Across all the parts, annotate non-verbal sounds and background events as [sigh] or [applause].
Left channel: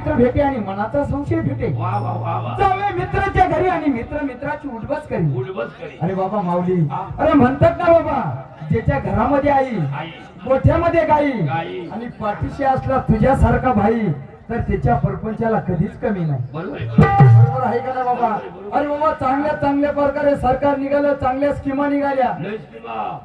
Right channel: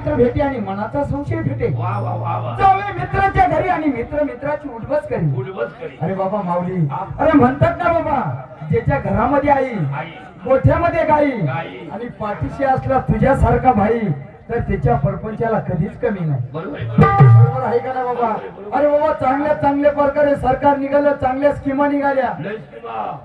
मित्र भेटे आणि मनाचा संशय भेटे. जावे मित्राच्या घरी आणि मित्र मित्राची उडबस करी. अरे बाबा माऊली. अरे म्हणतात ना बाबा ज्याच्या घरामध्ये आई गोठ्यामध्ये गाई गाई. आणि पाठीशी असला तुझ्यासारखा भाई तर त्याच्या परपंचाला कधीच कमी नाही. बरोबर. आहे. का ना बाबा? अरे बाबा चांगल्या चांगल्या प्रकारे सरकार निघालं चांगल्या स्कीमा निघाल्या.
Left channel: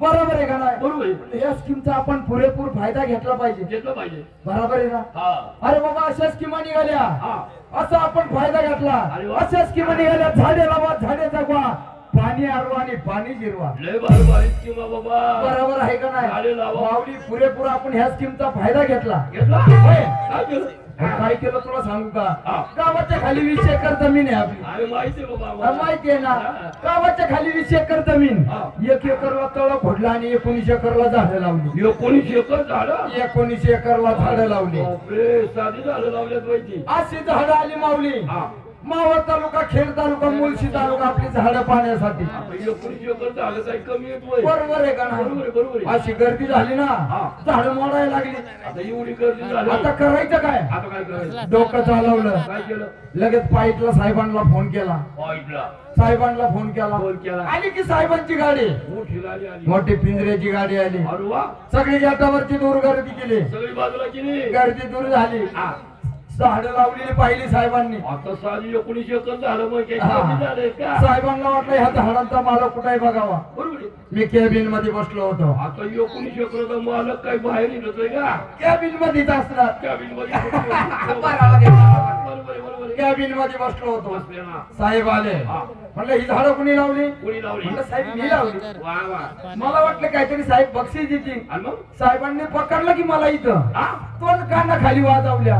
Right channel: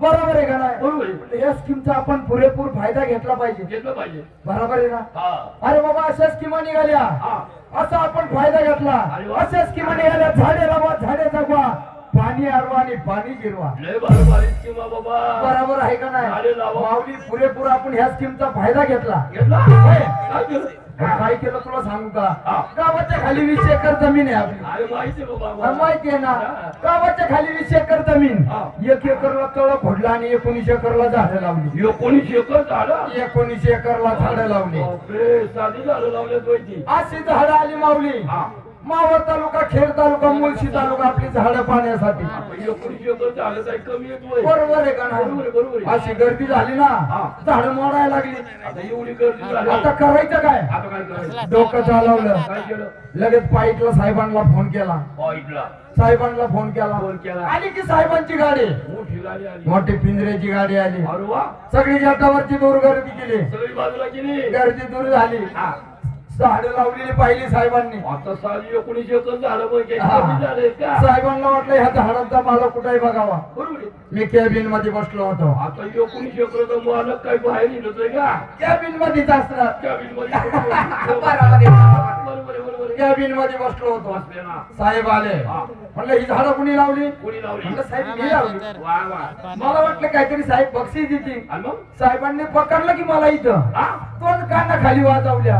बरोबर आहे का नाही? बरोबर. या स्कीमचा आपण पुरेपूर फायदा घेतला पाहिजे. घेतलं पाहिजे. बरोबर आहे ना? हा. अरे बाबा अशा स्कीमा निघाल्या. हा. असा आपण फायदा घेतला. अशा स्कीमा निघाल्या. झाडे लावा झाडे जगवा. पाणी आरवा आणि पाणी बाबा. बरोबर आहे का नाही. माऊली पुरेपूर आपण ह्या स्कीमचा फायदा घेतला. घेतला. काय केलं तुला सांगू का. गावाच्या खाली वीस एकर जमीन आहे आपली. माहिती आहे ना. गावाच्या खाली वीस एकर जमीन. एक एकरला तळ फोडलं आणि एकोणीस एकरला झाडं लावली. एकोणीस एकर झाडं? एकोणीस एकरला झाडं लावली. अशी झाडं आली माऊली. हा. मावळ तालुका खेड तालुका मुळशी तालुका आपली झाडं पाण्यासाठी बरोबर आहे का आहे. अशी गर्दी झाली ना. झाडं मोडायला लागली. आता एवढी गर्दी झाली. आता करायचं काय? डोकं चालवलं. लगेच पाईटला साहेबांना फोन केला. साहेबांना फोन केला. फोन केला. आली की साहेबांची गाडी. मोठी पिंजऱ्याची गाडी आली. सगळी जाटावरची दूर गर्दी केली. सगळी बाजूला गेली गर्दी दूर झाली. झाडं लावलेली पाहिली साहेबांनी. आता साधी एकोणीस एकर झाडं. कमी झाले का? साहेबांना वाटलं ह्या झाडांचा मला कुठे बघावा. बरोबर. मी कॅबिनमध्ये बसलो होतो. आता एकोणीस एकरचा मालक काही बाहेर निघतोय का? कॅबिन मध्येच असणार. कॅबिनमध्ये. [laughs] बरोबर बरोबर. कॅबिनमध्ये बसलो होतो. साहेब आले. म्हणलं ही झाडं कुणी लावली? कोणी लावली? म्हणलं साहेब मी लावली. मला वाटलं काहीतरी साहेब बक्षीस देतील. साहेबांनी पकडलं की मला इथं? पण काना खाली वाजवल्या.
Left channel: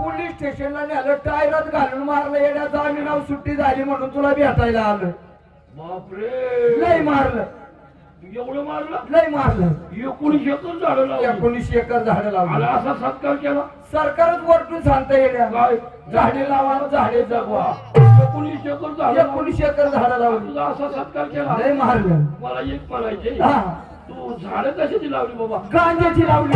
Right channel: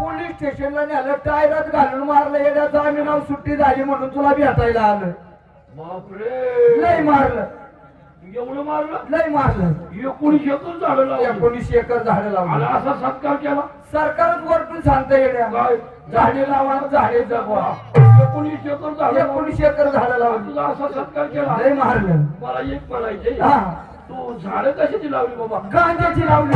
पोलीस स्टेशनला नेलं टायरात घालून मारलं येण्याचं आम्ही नाव सुट्टी झाली म्हणून तुला भेटायला आलं. लय मारलं. एवढं मारलं? लय मारलं. एकोणीस एकर झाडं लावली. एकोणीस एकर झाडं आणि लावली असा सत्कार केला. सरकारच वरतून सांगता येण्या काय? झाडे लावा झाडे जगवा. एकोणीस एकर झाडं एकोणीस एकर झाडं लावली. तुझा असा सत्कार केला. लय मारलं. मला एक म्हणायचे हा. तू झाडं कशाची लावली बाबा? गांजाची लावली.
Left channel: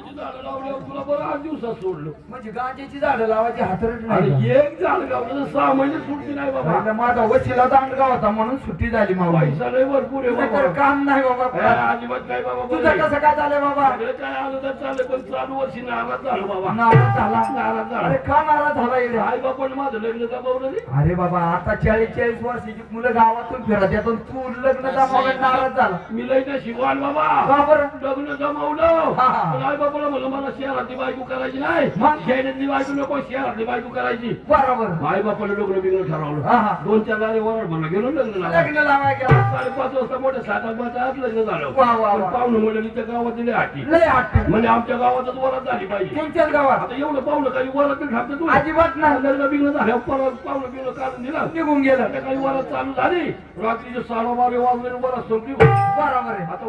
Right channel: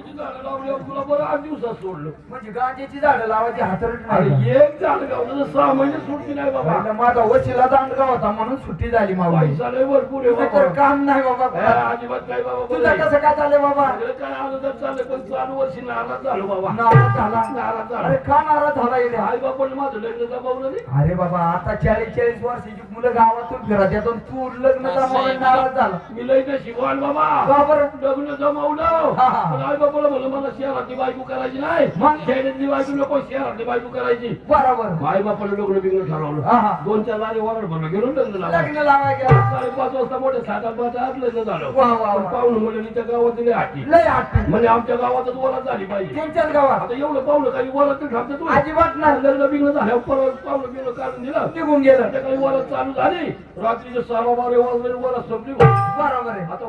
तुला बरं आठ दिवसात सोडलं. म्हणजे गांजाची झाडं लावायची आणि एक झाड तर सहा महिने सुटली नाही बाबा. माझा वशिला दांडगा होता म्हणून सुट्टी झाली पैसा लय भरपूर आहे तर बाबा. काम नाही हा, बाबा अजिबात काय बाबा बरं तुझं आहे. कसं काय चाललंय बाबा? सगळं काय आलं तर चाललंय पण चालू वर्षी नाराज झालो बाबा. नाराज झाला. नाराज अरे झाला का नाराज झाला येड्या? आई बापाने माझं लग्न जमावलं नाही? अरे बाबा आता चाळीस चाळीस वर्षाची मुलं गावातून फिरत येतात तू लग्न जमावून नाराज झाला. मी लय तर शिकवान बाबा. का बरं? लग्न जमावलं. हा, हा. पण आई बापाला म्हणलं मला शहरातली बायको करायची नाही. मग? शहरातली बायको नको शहरातली बायको करायची. बरोबर. आई बापाला लग्न बिग्न ठरवलं. हा, हा. दोन चार लारे वराड भरलं गेलो लग्न लग्न लावाय गेला. साडेपाच वाजता मोठ्या साधा पाच आत लग्न झालं. वा, वा, वा. पाहुणं म्हणलं इथं गावात दिले हाटी लय आठवण म्हणजे आमच्या गावातच वरात झाली पाहिजे. त्यांच्याच गावात. आता एवढं पाहुणं काही वरात थांबतं तू अजिबात नाही. लग्न बिग्न झाल्यावर परत पाहुणं बिग्न काढून दिलं. निघून गेला. काही वरात चालू झाली. रात्रीचे साडे बारा वाजले वरात संपली. बरोबर. आहे आता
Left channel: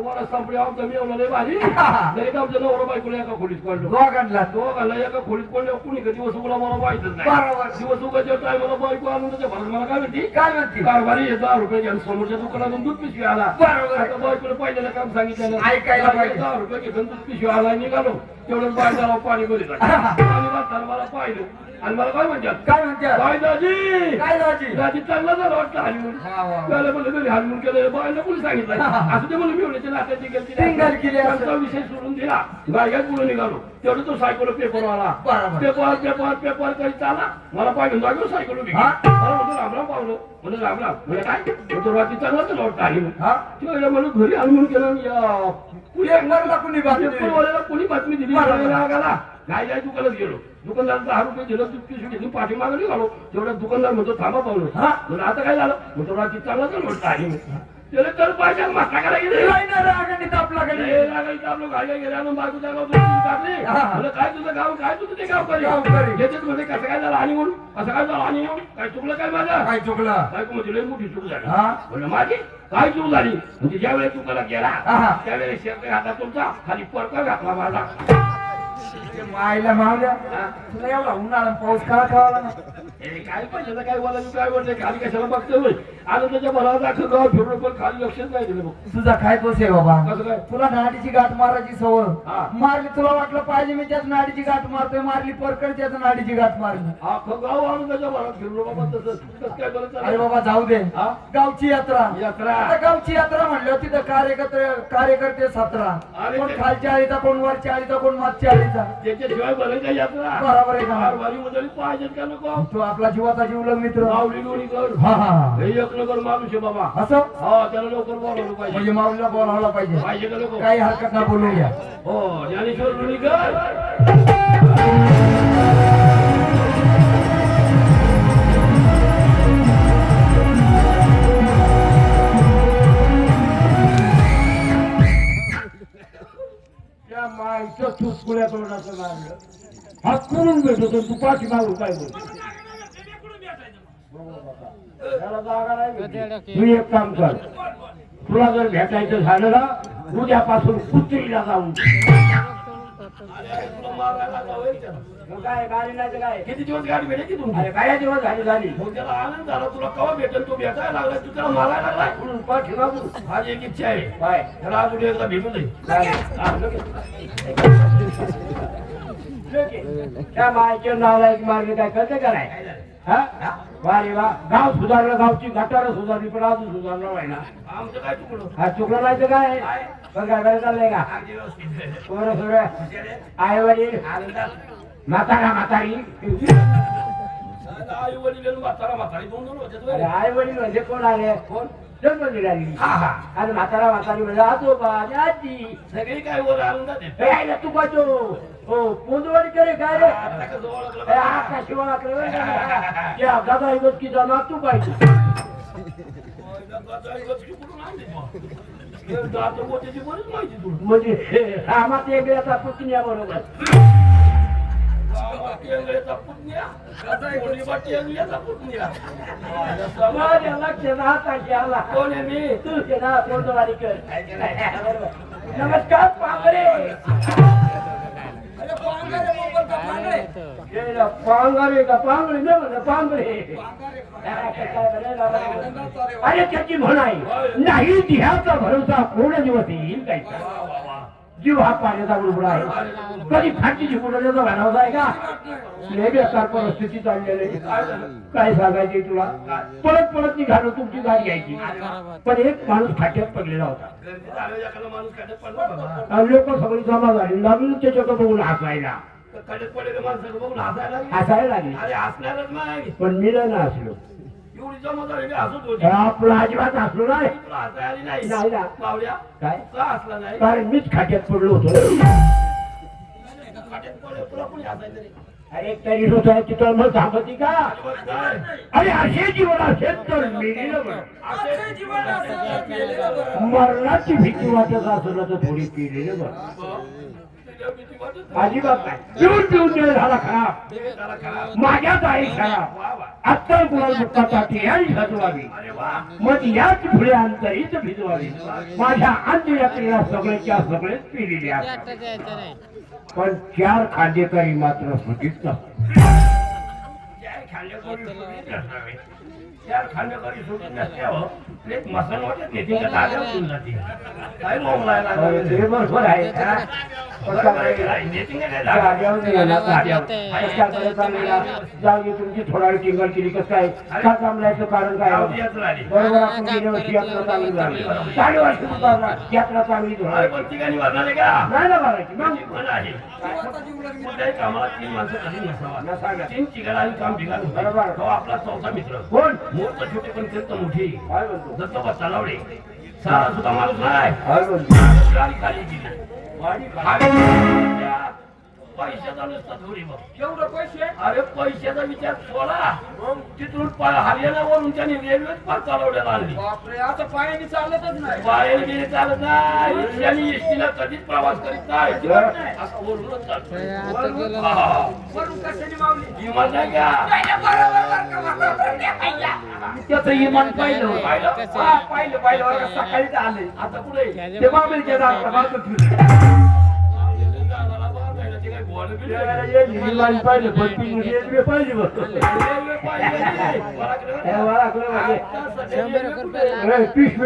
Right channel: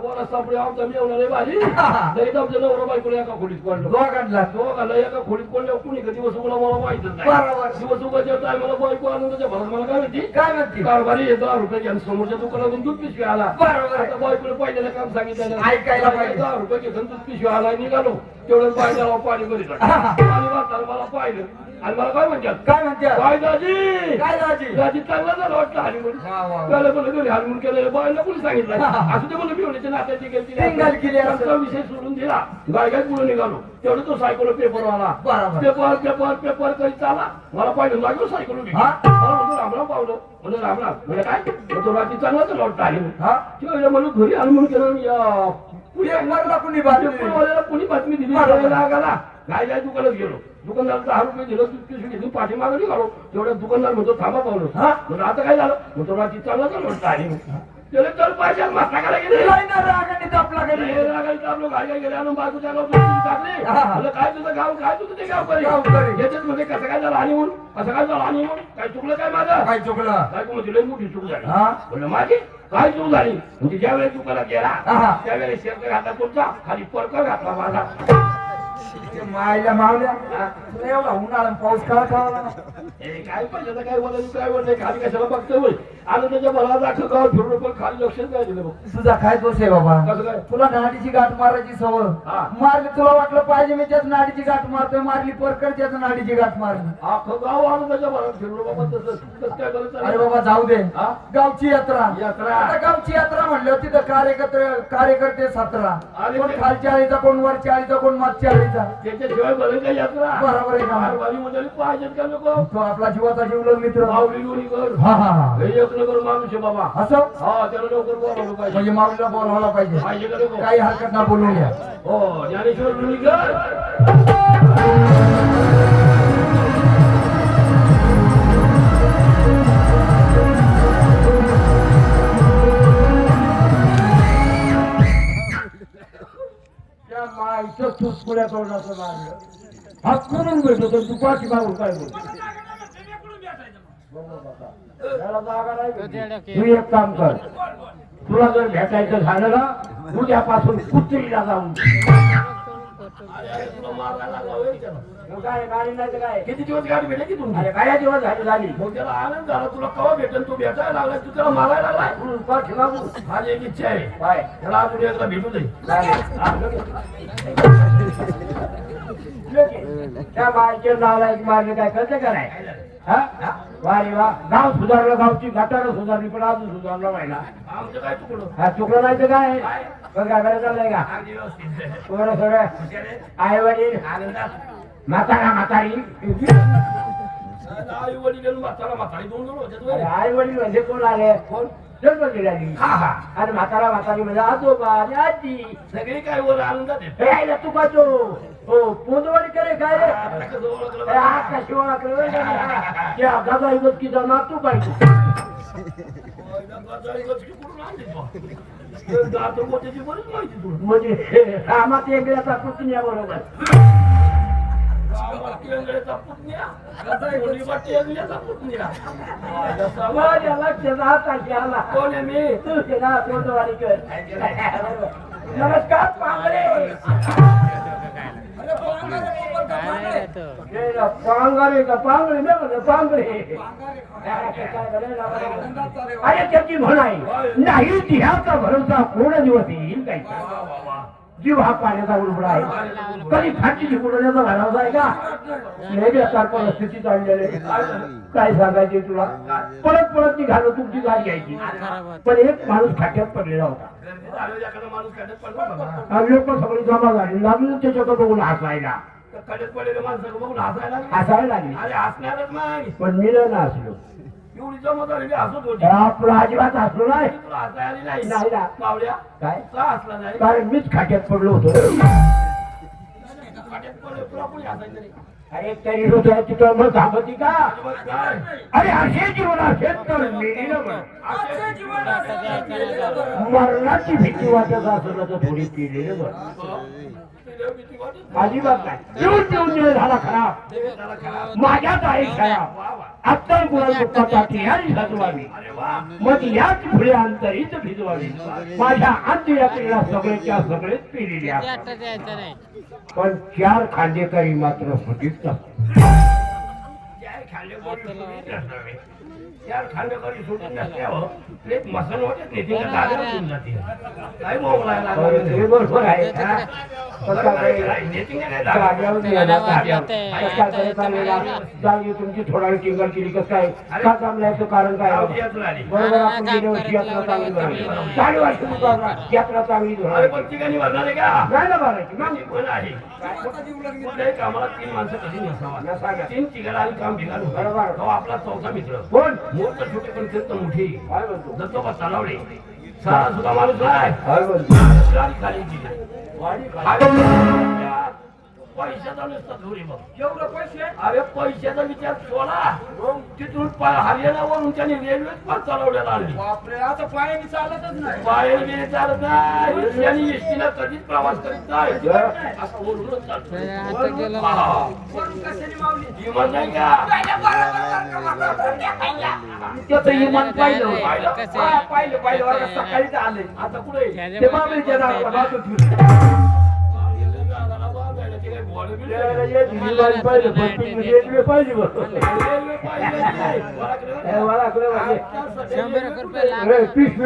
आमचा मेवला आमच्या [laughs] नवरा बायकोला एका खोलीत पडलो. दोघांना दोघांना एका खोलीत पडल्यावर कुणी का दिवस मला माहितच नाही. बरोबर. दिवस उघडच्या टायमाला बायको आणून त्याच्या भरात मला काय म्हणते? काय म्हणते? कारभारी हे दहा रुपये घ्या. समोरच्या दुकानातून दूध पिशवी आला. बरोबर आहे. आता बायकोला पहिल्याला काम सांगितलं ऐकायला पाहिजे. दहा रुपये घेतलं दूध पिशवी आला निघालो. तेवढं पाहिजे पाणी वाचताना [laughs] मला पाहिलं. आणि मला काय म्हणतात? काय म्हणते बाय दाजी. काय दाजी? दाजी चांगला झाला वाटलं हनीमून. त्याला म्हणलं घरी हनीमून केलेलं बायला कोणी सांगितलं? [laughs] असं ते म्हणलं मी म्हणलं नात्याची टिंगल केली. त्यांचा विषय सोडून दिला. गाय गाय पुढे निघालो. तेवढं तो सायकल पेपर आला बरोबर. पेपर पेपर पेपर करीत चाला. मला पाहिलं जागेवर सायकल? मला म्हणतो रामराम पावलं. म्हणजे रामराम म्हणजे काय? म्हणतो रात्री चांगला तर वाटतं हनीमून हा. तिला म्हणून घरी हनीमून केलं. आणि या पुढे पेपरला कुणी बातमी दिली? पेपरवाल्याला कोणी बातमी दिली. रागाला काय काय दुकानात गेलो. दुकानदार दहा रुपये दिलं दूध पिशवी घेतली पाठीमागे निघालो. तेवढ्या दुकानदार म्हणतो थांबा पाहुणं हा? म्हणून आता काय झालं? म्हणतो रात्री चांगला चालू वाटतं आणि त्याला तर माता करायला गेले. नाही ना रागाने रागायचं आपलं गेले बायको टाकली. हा. म्हणलं, काय तुझं गाव काय तुझं ते गाव करी? म्हणजे कसं काय झालं आणि म्हणून काय झालं आणि म्हणून काय चुकलं काय माझं? काय चुकलं? बायको म्हणजे लय मोठी चूक झाली. हा? म्हणलं माझी काय चूक झाली? म्हणजे ज्या वेळेस दुकानात गेला. त्यावेळेस शेपटे घातला तुमचा खाली परकर घातला माझा. मायला मावल्या तुला एवढा उन्हाळा पाऊस काळा कळाला काय पाहिजे तर काय बोलायचं? काय बोलणं खाली कशाला बघतोय होय? आनंदाच्या भरात अख्खं गाव फिरून पण खाली लक्षच नाही दिलं बघ. तुझा काय दोष आहे बाबा? कसं काय? तुला नाडीची गाठ मारायची सवय. हा. मारली तुला वाटलं पाहिजे मी त्याच नाडीची गाठ मारतोय मारली परकड त्याच नाडीची गाठ मारली. अख्खं गाव आनंदाच्या भरात फिरून बाबा तसं कसं काय करत अरे बाबा जाऊ दे. हा? गावची यात्रा. यात्रा. आता गावची यात्रा म्हणल्यावर तिथं कार्यकर्ते कार्यकर्ते सतरा कोण ते- खालच्या आळीचा कोण वरच्या आळीचा कोण मागच्या आळीचा? त्याच्याशिवाय बरं यात्रा. बरोबर आहे का? कारभारी मंडळी पाहिजेत का लोक? तो आपला जीवाचा जीवलग मित्र. माऊली गोळी कर. हा हा हा. एक नगर माणूस आहे बाबा. असं? हा त्याला लवकर बोलावलं पाहिजे. म्हणजे माऊलीला बोलवायला पाहिजे. पाहिजे का लोक काही हरकत ना बोलून घ्या. हो ज्ञानेश्वर रुणीकर त्या माईचं तुसकुड्या तोंडाचं लागलं हात करून भेटतो तर तू पाठी मागून काय बोल त्याला जागा नाही भेटली. तू एक काम कर. तुला जर भेटायचं झालं ना उद्यापासून कुत्रीला जाऊन. लागला. काय गाडी नाही तर काय? किती दिवस गाडी भेटे की अरे काय दिवस झाली झाली. मग त्याला आनंद झाला. तुला कवा भेटेल? तू भेटायला लागला तू त्याला मारायला लागलाय? म्हणून पाठी मागून आज एक इच्छा आहे. काय? त्याला अजून एकदा भेटू दे. हा. त्या माईच्या नावाला मार्ग काय कळतं का नाही? हा वारे वा गाव सुधारलं गावची गटारं सुधारली पण अजून सुधारलं व्हायला. हा चुकलं नाही तर काय? पण काय बरं चाललंय का. पोरं सगळं आई वडील म्हातारा म्हातारी. आई वडील आणि म्हातारा म्हातारी दोन दोन होते अरे आई वडील म्हणजे कोण आले? कोण? जन्म हा हा. आणि म्हातारा म्हातारी म्हणजे आजोबा आजी. सगळी काय वर आनंदात तू का हो काय रे. आकाशी ओळखलं? त्या गजाई नातू तुला. म्हणजे हे रामात एकल्याचा पुतण्या बरोबर माझ्या लक्षात आता आला कोण आहे मी? तुझे नाव पोंदवाडी कर नमस्कार पांगरे पांगरे का ना, पांगरे. अरे त्याची म्हण आहे नाही जिहाचा भरोसा कोण दिवस येईल वा. जीव हा पाण्याचा बुडबुड आहे. कधी फाटीची बुडवण्याचा भरावसा आहे का? लय बेकार परिस्थिती चाललेली. काय सांगायचे तुला? परत परत निघालो तुमची गाडी यायची. पण एक माणूस खाट्यात पडलेला होता. लोक सगळी जमा झाली. लागली त्याच्याकडे बघून हसायला. हसायला लागले. पण मी नाही हसलो एवढी जमा झाली मी हसत होती आपला अजिबात हसलो नाही तुला हसायला आली नाही नाही ना. मावल्या काय का हसला नाही कारण मीच खाट्यात पडलो होतो खड्ड्यात पडले तुला कोणी हसायचं रे? अरे तरी होता तिथं मग का? अरे असे जीवन असेल तर मेलेलं बरं असे जीवन असेल केलेलं बरं. मरणाची भीती वाटत असलं तर थोडी पिलेलं बरं हं? अजिबात नाही. पिऊन पिऊन दिले झाला खरा देव त्याला खरा माझ्याच आई खराब वा वा. गुलाल दुःखासाठी याच सजवावी मग याच पुढे अंतरीत भिजवावी. माझ्या अंत्ययात्रेला सगळेच्या सगळेच पिलेले असतात. पण चार खांदेकरी मात्र होतीच नसते चार सोडून नसल्यावर एक मसन वाटत नाही तिला जाते. काय? बरोबर आहे. हा? तुमची थोडा वेळ टिंगल केली कसं काय? का थांबलायचं? कारण काय. बरोबर आपण गेल्या वर्षी यात्रा चांगली झाली. चार वर्ष यात्रा चांगली झाली? नाही ना बघायची कामाला तीन माणसं कधी नसावा. तीन ठिकाणी काम ठिकाणी बरोबर. तो आपला चौथा मित्र. कोण मोठं छोटे पण ते मोठे दत्तोबा तलावडे सारा सुद्धा माणूस नाही. काय म्हणतो गाडी खाली गेली खाली पैशाचा नुसता थोडी बघ. एवढं पैसे अरे पैशाचा विचार सोडा. तिथून पा- हरियाणावरून त्याने आणली. बापरे आता पायाने चालतच नाही. बाहेर गेली चालत नाही. एसटीला कधीच प्रवास करीत नाही. असं वरूनच चालतोय. हा. वरून कशाने मावली? विमान नाही का? त्याचं इमान पाहिलं पाहिलं? हा पाहिलं सकाळीच आले आता कुठे ते बाबरीच्या दाराला पण रेल्वे पाहिजे बघ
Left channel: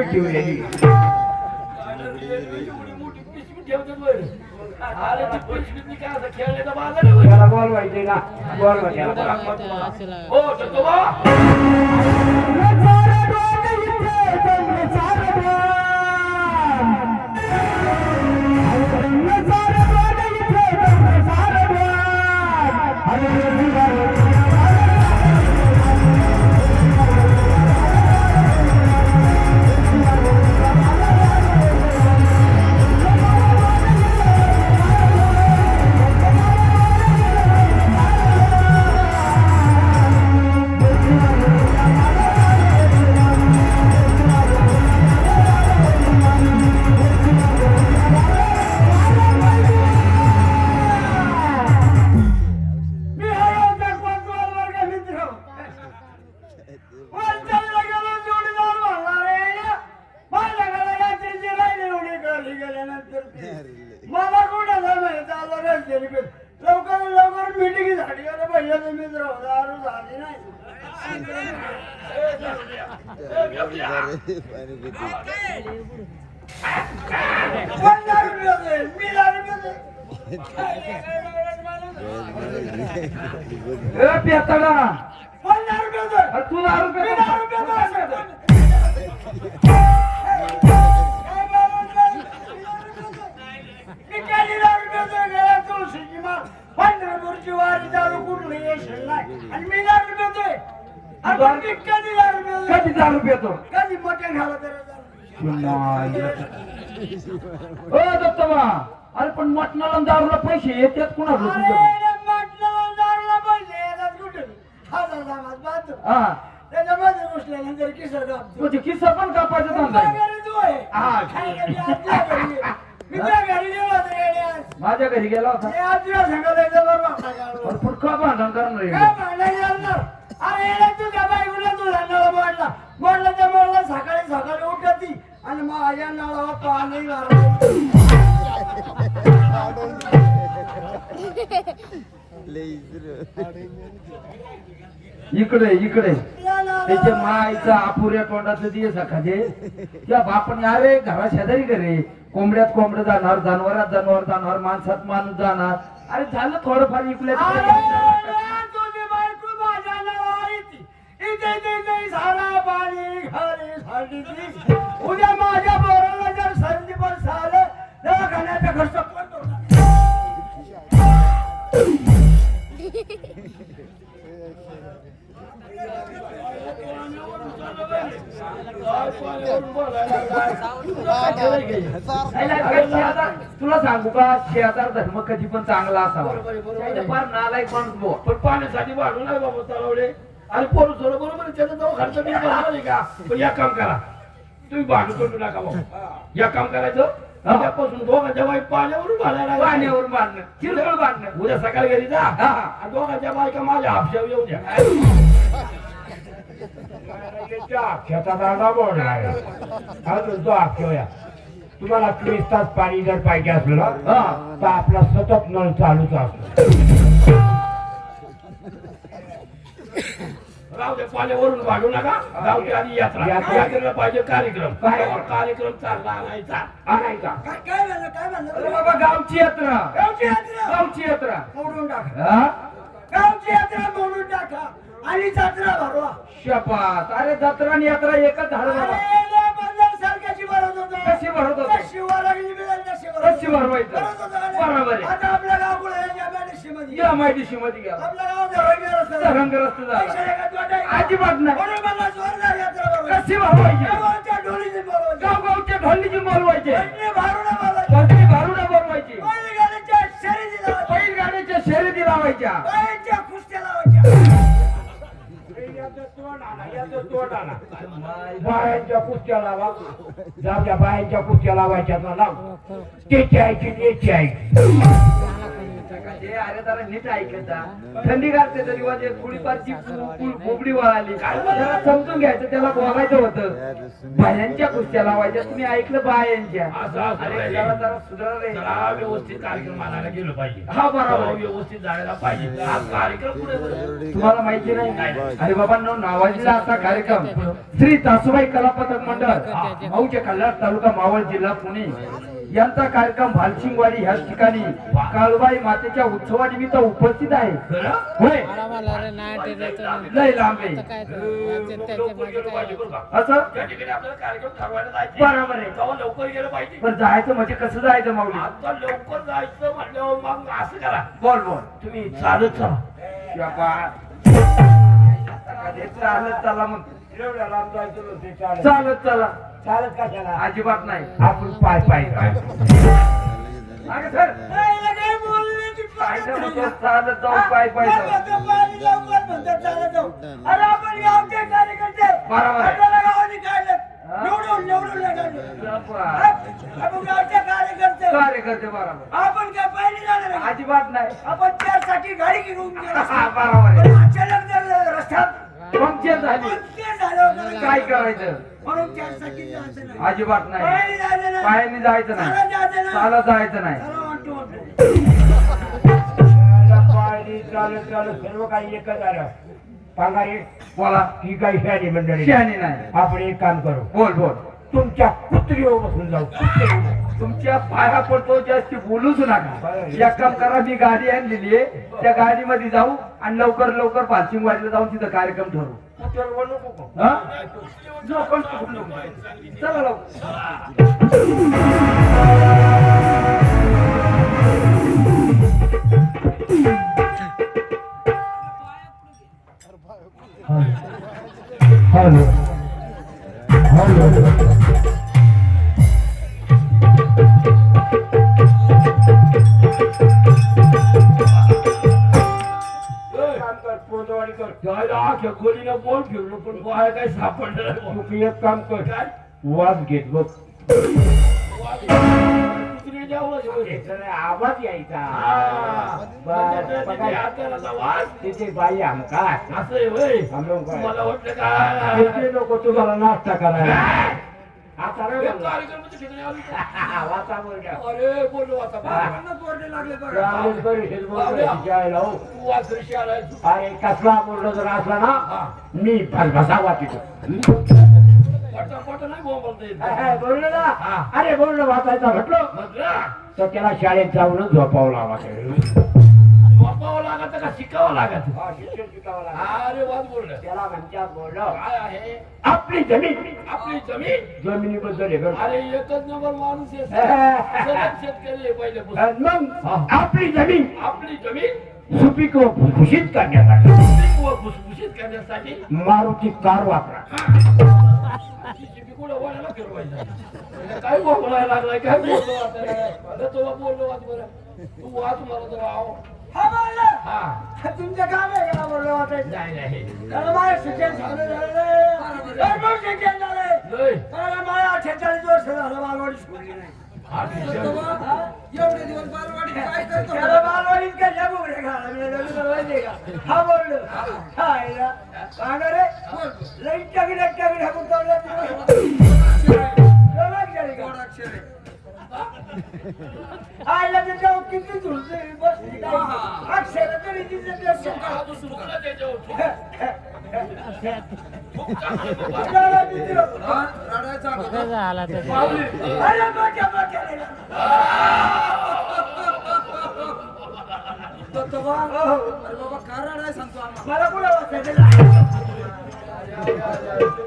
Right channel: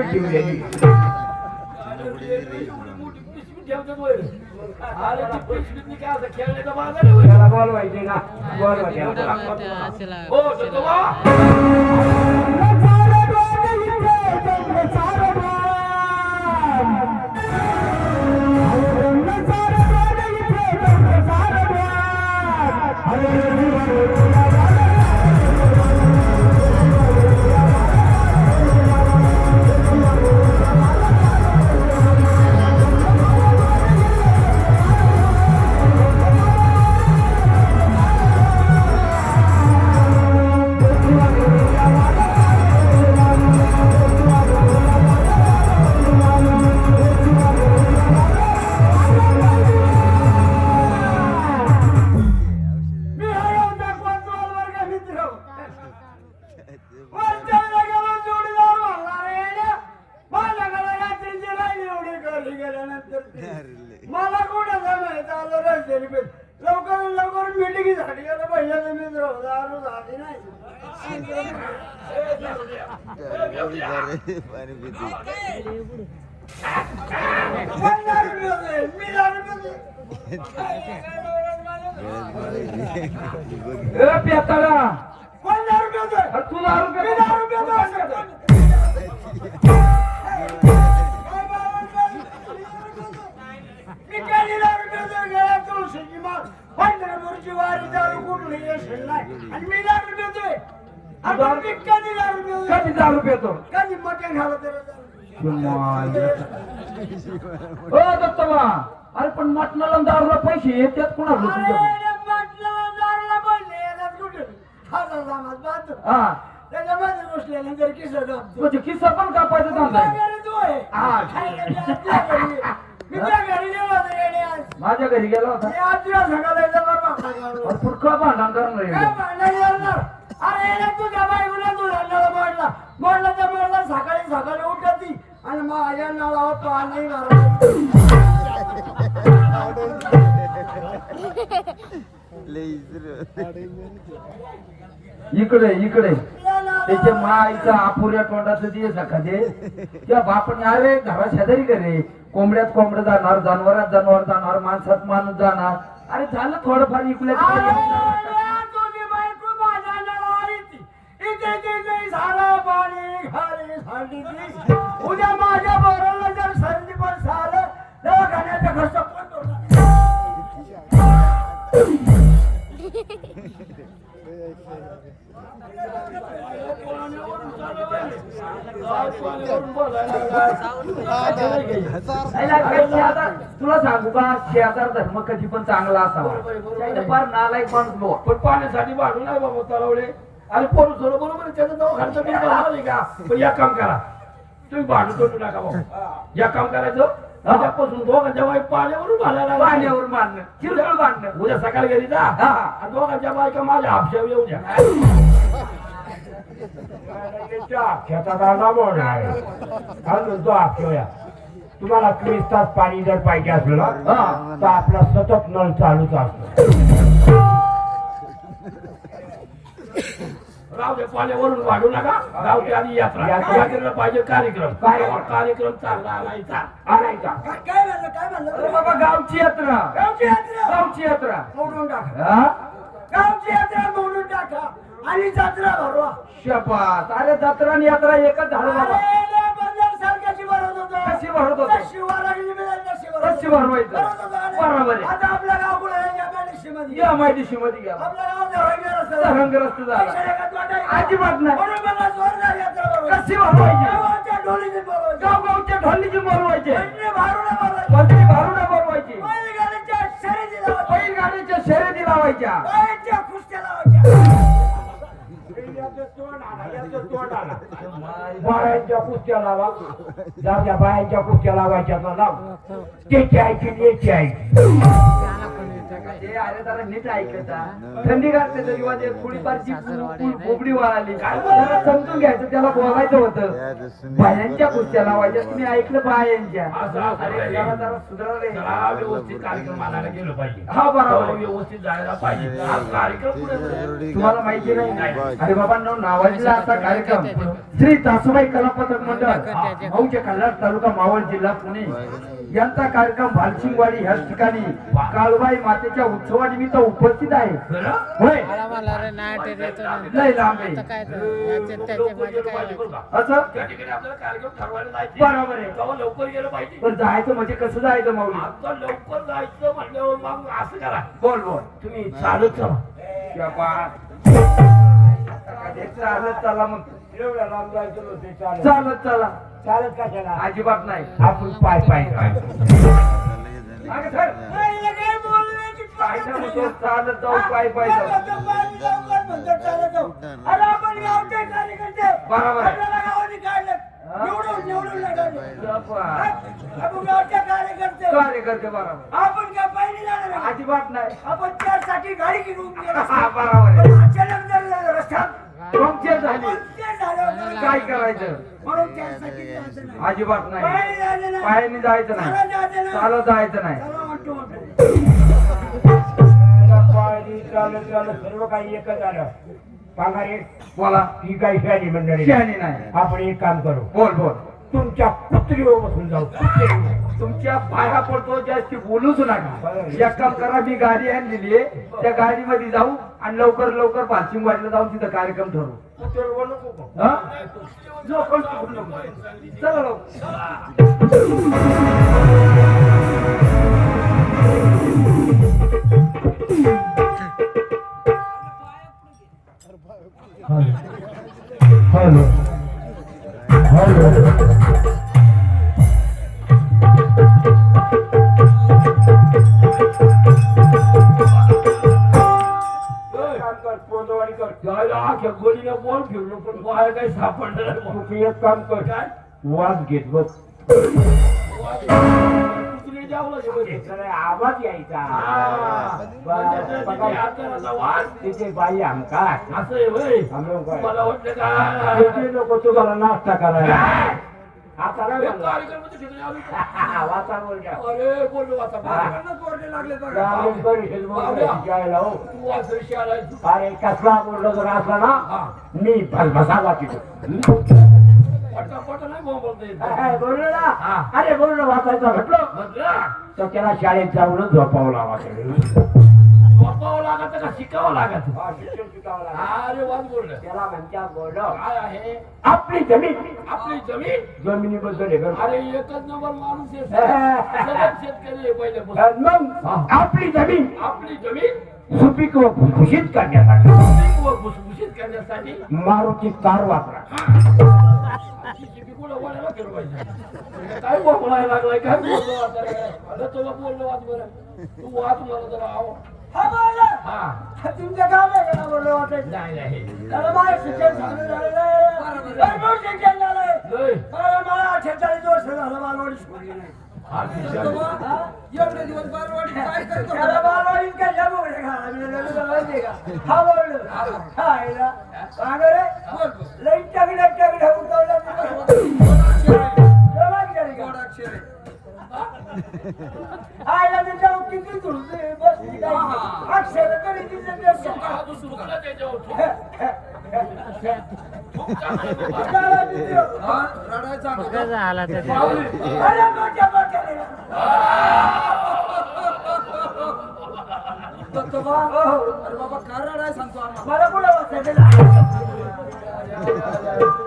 ठेवलेली ठेवतात वर. अरे ती पिशवीतनी काय असं खेळण्याचा बाजार आहे वर. त्याला बॉल ना. बॉल हो मला कुठं झालं आलं रस्त्याने पेट. लवकर लवकर मिटिंग झाली. गेलं पहिल्या मित्र दारू झाली नाही. रुपये मी दारू रुपये तू दारू दारू तुळशीची माळ. पंढरपूरची वारी दारू कुठली येशील नाही. आणि मी दारू पितोय. आणि मग मी कधी दारू पितोय? कधी दारू पेतो कधी मटण खाल्लं तरी दत्तमा अरे पण मटणाला दारूला पैसे येतात अरे, तुमच्या मटणाला दारूला बोलले, याच्यात कुठे? हजार समाज. हा त्याच्यामध्ये घुसल्यानंतर टाकतो. म्हणजे किस्सा पण कापायचा धंदा आहे. घरी. मी त्या घरी गेलो होतो येणे आज. माझ्या घरी गेला होता ते आज याच्यावर भांडण. अरे पुढं भांडण करणार काय आहे? भांडण घालणार? अरे येणे तुझ्या बायकोला तू नळाला मोडला. मोडला तर मोडला, सकाळी सकाळी उठती आणि माझ्या नळावर पाणी मारलं. इकडे इकडे त्याच्या माईचा अपुऱ्या तोंडाचं दिवस सकाळचे त्या बापाने अरे घरा शेजारी करे कोंबड्यात कोंबडं जाणार जनावरात जनावर जाणार माणसात माणूस जाणार अरे झालं थोडंफार इकल्या. उद्या माझ्या बोराला जर सर्दी पण झालं दवाखान्याचा खर्च पडतो तुला सांगू का शेजार धर्म कधी पण चांगला असावा? फार नालायक माणूस बुवा. पण पाण्यासाठी भांडू नाही बाबा तलावले. आणि पोरं सोडं बरोबर त्याचं जाऊ खर्च भरणार आहे का? पण या काम करा. तुम्ही भांडू करू नका बाबा. या काम करायचं उद्यापासून दोघांच्या वाईट पाण्यावरून भांडायला पाण्यावर बांधणं किरकोळ बांधणं उद्या सकाळी जा. हा. आणि दोघांच्या बायका माझ्या हापशावर येऊ द्या आला म्हणून आहे. काय म्हणतो आख्या तुम्हाला चोवीस तास पाणी जर पाहिजे असलं ना तर आपला सतत नळ चालूच असतो. राहू द्या पाण्यावरून भांडू नका. गावची आधी यात्रा. यात्रा. यात्रेला पाहिजे कार्यक्रम. काय? कार्यक्रम चांगला आणायचा. आणायचा. काय म्हणलं काय म्हणलं? बाबा गावची यात्रा. गावची यात्रा? गावची यात्रा. मोडून टाका? गावची यात्रा मोडून टाका. आणि जत्रा भरवा शपथ अरे जत्रा आणि यात्रा एकच झाड बाबा सारख्याची भरत होतो. कशी होतो? कशी. भरवायचं? बरोबर आहे. आता आपलं गाव कुठं आहे? या बॅलेन्सीमध्ये. या माहिती मध्ये घ्या आपलं गाव धरणग्यात असतं. रंगरस्त झाला? अजिबात नाही. जोरदार यात्रा भरवायची. कशी भरवायची ढोलीची भरवायची. गाव गावच्या ढोलीची भरवायची. शर्यती लावायच्या. बैलगाड्याच्या शर्यती लावायच्या बायांच्या कुस्त्या लावायच्या. बायांच्या कुस्त्या लावा. जात्या बायांच्या कुस्त्या लावायच्या लाव. त्याची आईची त्याची आहे म्हणजे अरे जरा नीट ऐकायचा थंडी घालते तरी म्हणजे थोडीफारची बोबडी वळाली काय जरा समजून घ्यायचं त्याला बोलायचं होतं. बायांच्या कुस्त्या लावायच्या तुम्ही ऐकलं बायांच्या. असं असं अरे रे. जरा जरा सुधारले जरा व्यवस्थित कार्यक्रम आणायला गेलो पाहिजे. हा, बरोबर. व्यवस्थित जायला पाहिजे. हा कार्यक्रम पुढे. तुम्हाला माहिती नाही? अरे बाबांनो नावाजलेला असा कार्यक्रम. श्री तासुबाई कला पथक मंडळ मौजे कल्लाड तालुका मावळ जिल्हा पुणे. यांचा कार्यक्रम भालसिंगवाडी ह्याच ठिकाणी काळबाई मातेच्या उत्सवानिमित्त उपस्थित आहे. खरं? होय? नाही लय लांब आहे. मग? असं? जायचं. बरोबर आहे. तेव्हा लवकर गेलं पाहिजे. पण जायचं म्हणजे कसं जायचं आता लवकर जायचं म्हटल्यावर मग असं करा. बोल बोल. तुम्ही चालत चला. चालत चला मग. एवढ्या लांब जायचं नव्हते चालत. चालत चला. चालत अजिबात नाही. आपण पाय पाय मागे सर. नाही, काय बोलण्याची पाय पद्धत नाही. चालत जाऊ पाय पाय काय जाऊ. म्हणतो, पाय लवकर म्हणतात, चालत जाऊ. अरे आपण गावचे कार्यकर्ते. बरोबर आहे. आपल्याला गावाने काढलं. निवडून निवडून नाही काढलं. बापा. आपण गावचे कार्यकर्ते. कार्यकर्ते बरोबर. आपण काय पहिले जाणार आहे? अजिबात नाही. आपण त्यासाठी गाडी घेऊन गेलो. हा, बरोबर आहे. पण अचानक जर रस्त्यात पंक्चर झाली. होतं. काय करायचं? अजिबात नाही. पायी जायचं नाही. पायाने जायचं चालत नाही. चालत जायचं नाही. चालत चालत सर्व काही एकच आलं पांगारे बोला. ही काही शहाणी मंडळी शहाणी नाही. आपण एक काम करू. बोल बोल. तुमच्या कुत्रीवर बसून जाऊ. कुत्रीवर. तुमच्या पाया पडतो जास्ती बोलूच नका. एक काम करा मी गाडी आणलेली आहे. त्या गाडीमध्ये जाऊ आणि लवकर लवकर पालसिंग वाटलं जाऊन तिथं कार्यक्रम ठरवू. चला लवकर तू एक काम कर. काय? वाज घेत बघ लागेल आवाज यायचा. हा. म्हणजे ते तिथे हाताला वास. तिथे बाई आमका असं आहे होय. आम्ही काय? मला वाटलं का? किती लोक तुम्हाला नाश्ता करायला? आता हे नाही कार्यक्रमाच्या ठिकाणी आलो का? वातावरण घ्या. अरे बोललो आता. हा. बोर्डे लागले ग्रामीण परिषद बोलून जायला हो. तू आज ऋषी आलाय. अरे कसला बोललो जर असला ना हा. मी भसभसा वाचितो. बोललो. अरे बोललो वाचायचं म्हटलं. तर त्याला शाळेत जाऊनच झोपावं लावा वापावं लागत का शिकावं लागत अरे वाद बोललं. त्याला म्हणत्या बोललो काय आहे? आपली जमीन. आपली जमीन? जमिनीबद्दल हे करतो. अरे एकच नंबर माणूस आहे शेतकरी आहे पहिल्यापासून. आणि मग आपली जमीन आपली जमीन? सुपीक व भुसभुशीत करण्यासाठी. सुपीक व भुसभुशीत करण्यासाठी? मारुती कार वापरा. वळायला फिरवायचं काय बोलायला लागलाय? काय बोललो आता? तुला बोललो वाच बरं. तू वाच मला जरा आव हा तुमच्या गाव आहे का बोललो नाही नाही. माझं शिक्षण आहे. भरपूर शिक्षण झालंय. मला अठ्ठेचाळीस वर्ष झालं बालवाडी शिकवली नाही. एवढे दिवस बालवाडी काय करतो त्याला बालवाडीत काय ज्या बोगड्या घाला, मी लग्न माहितीये का? हा बोललो. हा, आईला. का गं रे? लई टगड्या टगड्या? आईला किती झुलते, बसली काय? अक्षरं तरी तिथं. रडायचा. अरे बाबा सांगतो आम्हाला मला कोणा.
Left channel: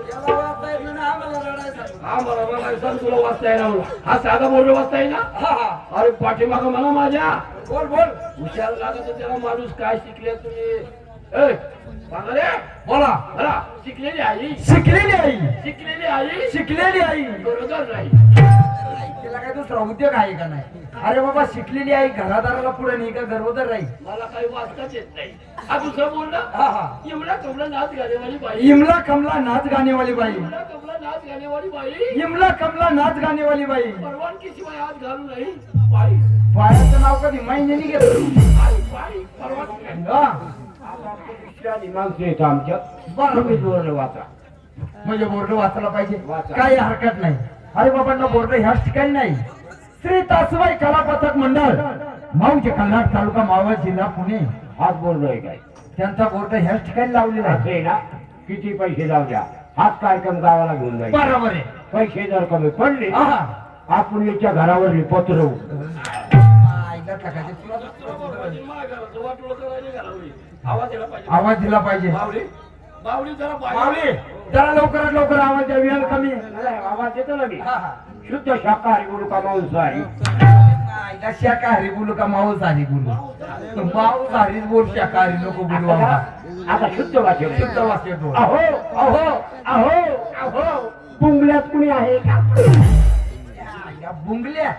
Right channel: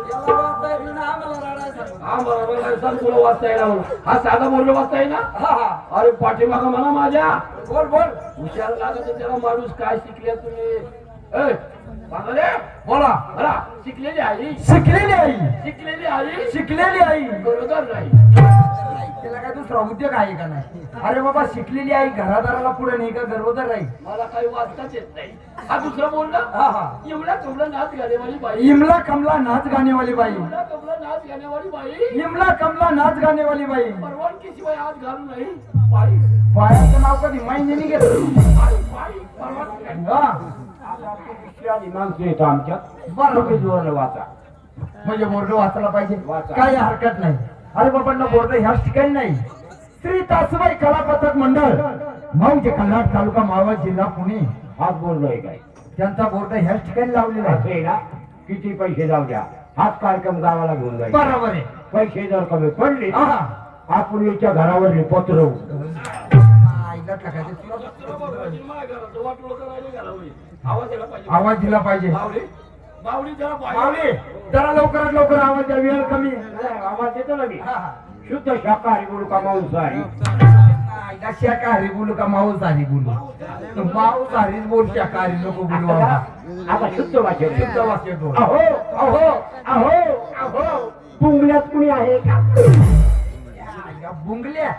याला वाचता येत नाही आम्हाला रडाय सांगतो हा, बरोबर. हा साधा पाठीमागा मला माझ्या बोल बोल हुशार लागत त्याला माणूस काय शिकले तुम्ही ए, बोला बोला शिकलेली आई शिकलेली आई शिकलेली आई शिकलेली आई बरोबर नाही दुसरा उद्योग आहे का नाही? अरे बाबा शिकलेली आई घरादाराला पुढे नाही का? गर्भोदर राहील. मला काही वाचताच येत नाही. हा दुसरा बोलला हा हा. एवढा कमला नाच गाण्यावाली बाई. इमला कमला नाच गाणे वाली बाई. एवढा कमला नाच गाण्यावाली बाई. इमला कमला नाच गाणे वाली बाई. परवानगी शिवाय हात घालू नाही. बाई बायाचं नाव कधी महिन्याने घेतलं? बाई, बाई. हा. विश्वासी माणसं येतं आमच्यात बरं. जोराने वाचा. म्हणजे बोर्ड वाचला पाहिजे. काही हरकत नाही. अरे बाबांना बोर्ड ह्याच ठिकाणी नाही. श्री तासबाई कला पथक मंडळ मौज कल्याण तालुका मावळ जिल्हा पुणे. हात बोललोय काय? त्यांचा बोर्ड ह्याच ठिकाणी लावलेला आहे. आहे ना? किती पैसे जाऊ द्या. हाच कार्यक्रम गावाला घेऊन जाईल बरोबर आहे. पैसे जर कमी पडले आहा. आपण याच्या घरावर पाहिजे आवाज दिला पाहिजे. जरा लवकरात लवकर आवाज द्या वेळ कमी आवाज येतो ना मी. शुद्ध शाकाहारी बोलू का मांसाहारी शाकाहारी बोलू का मांसाहारी बोलू. मांसाहारीच बोल शाकाहारी नको बोलू आता शुद्ध भाषेत शुद्ध वाक्य बोल. अहो अहो अहो अहो. पुंगल्यात कुणी आहे का? बुंगल्या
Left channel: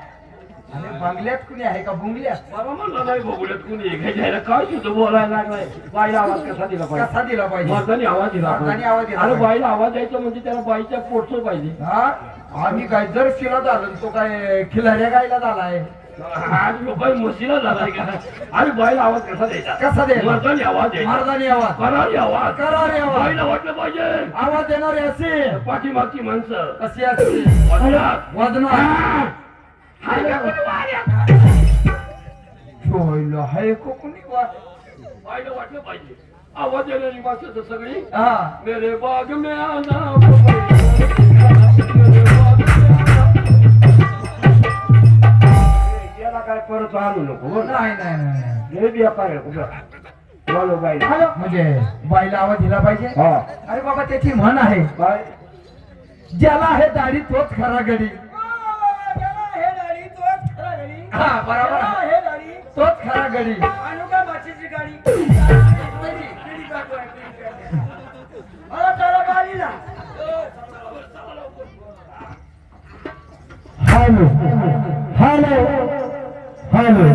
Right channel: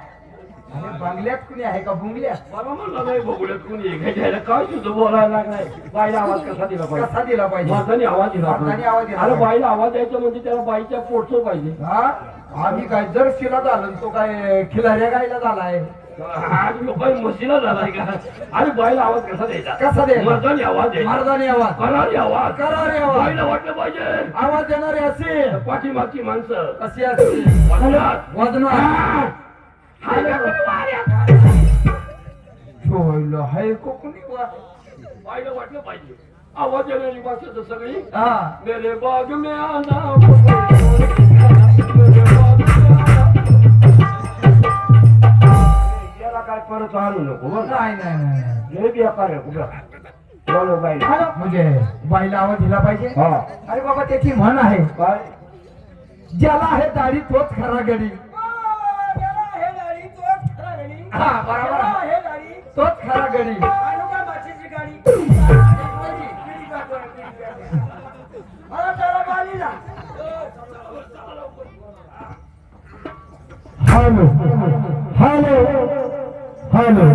बंगल्यात कुणी आहे का बुंगल्या बरं म्हणलं नाही बघूयात कुणी घ्यायला काय बोलायला लागलाय. बाईला आवाज कसा दिला पाहिजे? कसा दिला पाहिजे? मर्दानी आवाज दिला मर्दानी आवाज दिला अरे पाहिजे. बाईला आवाज द्यायचा म्हणजे त्याला बाईच्या पोटचं पाहिजे. हा? आम्ही काय जर शिला झालो तो काय खिलाऱ्या गायला झालाय? आज म्हशीला झालाय का? अरे बाईला आवाज कसा द्यायचा? कसा द्यायचा? मर्दानी आवाज द्यायचा. मारदानी आवाज. करारी आवाज. करारी आवाज. बाईला वाटलं पाहिजे. आवाज देणारे असे. पाठीमागची माणसं. कशी असते वजनात. वजनात ठेवलं हाय कोकणी वा. बाईला वाटलं पाहिजे. आवाज देणारी माणसं सगळी. हा. मेरे बाग में आना मेरे बाग में याला काय परत आणू नको का? नाही नाही लय बेकार आहे कुठं बोलो बाई. म्हणजे बाईला आवाज दिला पाहिजे? हा. अरे बाबा त्याची म्हण आहे. ज्याला आहे दाढी तोच खरा गडी. हा बरोबर. हे गाडी. तोच खरा गडी. आणू का माचीची गाडी. मला त्याला बाली ना हॅलो. हॅलो. हॅलो.